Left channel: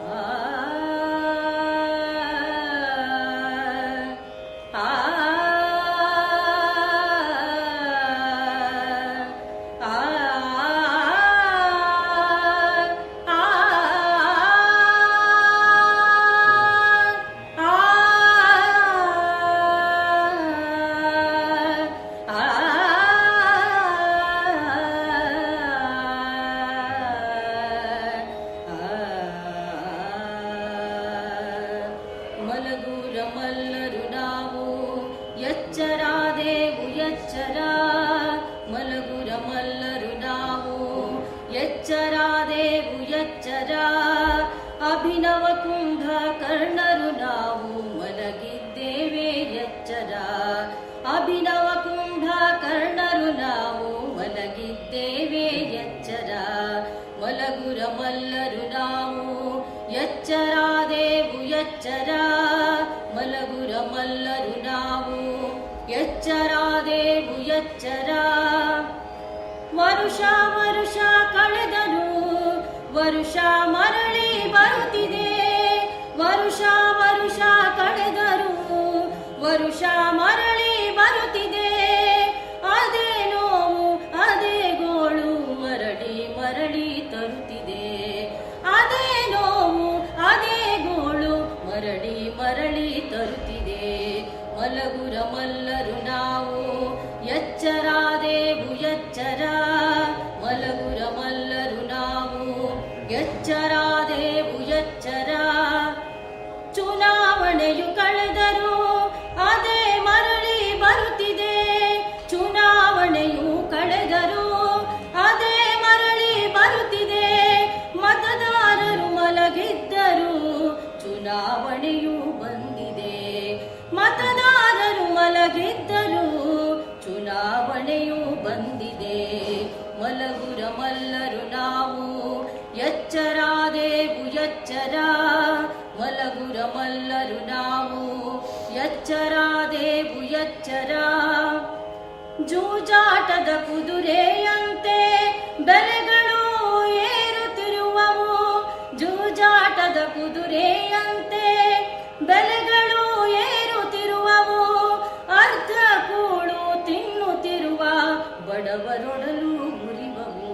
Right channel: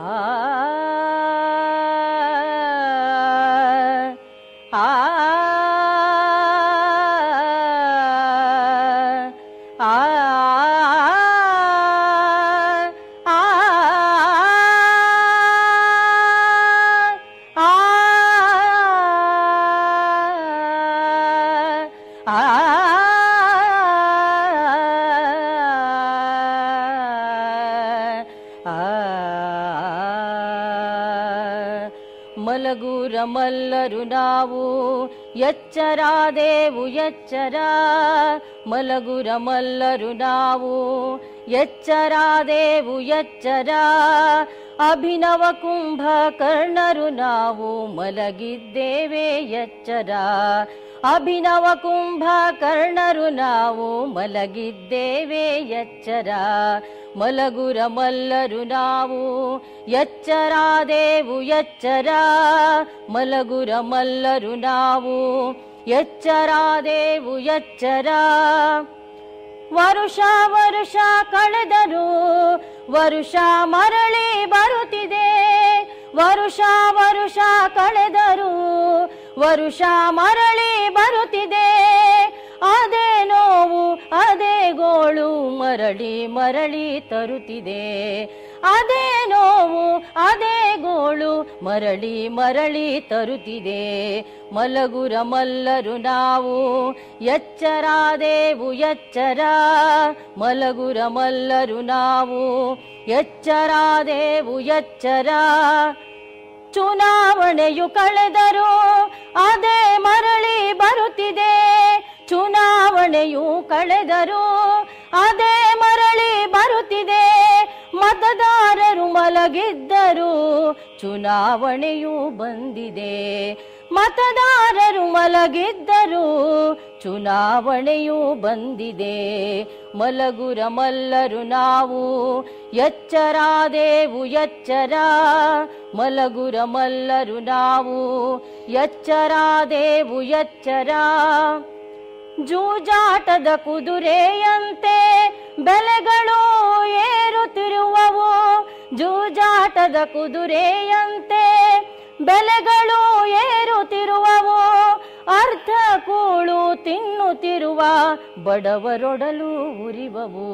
ಆ ಆ ಮಲಗುರ ಮಲ್ಲರು ನಾವು ಎಚ್ಚರಾದೆವು ಎಚ್ಚರ ಮಲಗುರ ಮಲ್ಲರು ನಾವು ಎಚ್ಚರಾದೆವು ಎಚ್ಚರ ಅಭಿನವ ಕುಂಭಕರ್ಣರು ನಾವು ಮಲಗಿದ್ದೇವೆ ಎಚ್ಚರ ಅಭಿನವ ಕುಂಭಕರ್ಣರು ನಾವು ಮಲಗಿದ್ದೇವೆ ಎಚ್ಚರ ಮಲಗುರ ಮಲ್ಲರು ನಾವು ಎಚ್ಚರಾದೆವು ಎಚ್ಚರ ಮಲಗುರ ಮಲ್ಲರು ನಾವು ಎಚ್ಚರಾದೆವು ಎಚ್ಚರ ವರುಷ ವರುಷ ಕಳೆದರು ವರುಷ ಮರಳಿ ಬರುತ್ತಿದೆ ವರುಷ ವರುಷ ಕಳೆದರು ವರುಷ ಮರಳಿ ಬರುತ್ತಿದೆ ಅದೇ ನೋವು ಅದೇ ಗೋಳು ಮರಳಿ ಮರಳಿ ತರುತ್ತಿದೆ ಅದೇ ನೋವು ಅದೇ ಗೋಳು ಮರಳಿ ಮರಳಿ ತರುತ್ತಿದೆ ಮಲಗುರ ಮಲ್ಲರು ನಾವು ಎಚ್ಚರಾದೆವು ಎಚ್ಚರ ಮಲಗುರ ಮಲ್ಲರು ನಾವು ಎಚ್ಚರಾದೆವು ಎಚ್ಚರ ಚುನಾವಣೆಯು ಕಳೆದರು ಅದೇ ಮರಳಿ ಬರುತ್ತಿದೆ ಚುನಾವಣೆಯು ಕಳೆದರು ಅದೇ ಮರಳಿ ಬರುತ್ತಿದೆ ಮತದಾರರು ಮಲಗಿದ್ದರು ಚುನಾವಣೆಯು ಬಂದಿದೆ ಮತದಾರರು ಮಲಗಿದ್ದರು ಚುನಾವಣೆಯು ಬಂದಿದೆ ಮಲಗುರ ಮಲ್ಲರು ನಾವು ಎಚ್ಚರಾದೆವು ಎಚ್ಚರ ಮಲಗುರ ಮಲ್ಲರು ನಾವು ಎಚ್ಚರಾದೆವು ಎಚ್ಚರ ಜೂಜಾಟದ ಕುದುರೆಯಂತೆ ಬೆಲೆಗಳು ಏರುತ್ತಿರುವವು ಜೂಜಾಟದ ಕುದುರೆಯಂತೆ ಬೆಲೆಗಳು ಏರುತ್ತಿರುವವು ಅರ್ಧ ಕೂಳು ತಿನ್ನುತ್ತಿರುವ ಬಡವರೊಡಲು ಉರಿವವು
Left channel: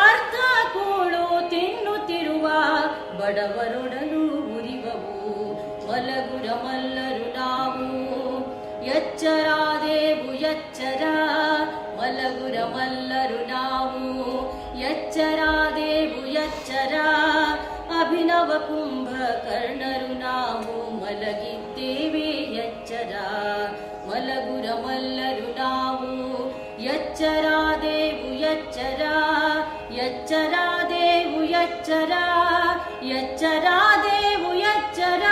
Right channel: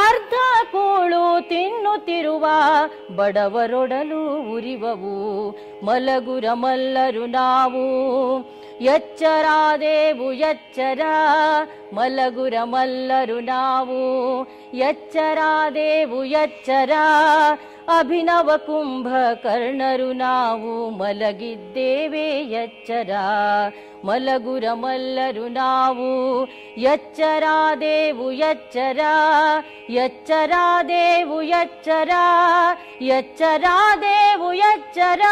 ಅರ್ಧ ಕೂಳು ತಿನ್ನುತ್ತಿರುವ ಬಡವರೊಡಲು ಉರಿವವು ಮಲಗುರ ಮಲ್ಲರು ನಾವು ಎಚ್ಚರಾದೆವು ಎಚ್ಚರ ಮಲಗುರ ಮಲ್ಲರು ನಾವು ಎಚ್ಚರಾದೆವು ಎಚ್ಚರ ಅಭಿನವ ಕುಂಭಕರ್ಣರು ನಾವು ಮಲಗಿದ್ದೇವೆ ಎಚ್ಚರ ಮಲಗುರ ಮಲ್ಲರು ನಾವು ಎಚ್ಚರಾದೆವು ಎಚ್ಚರ ಎಚ್ಚರಾದೆವು ಎಚ್ಚರ ಎಚ್ಚರಾದೆವು ಎಚ್ಚರ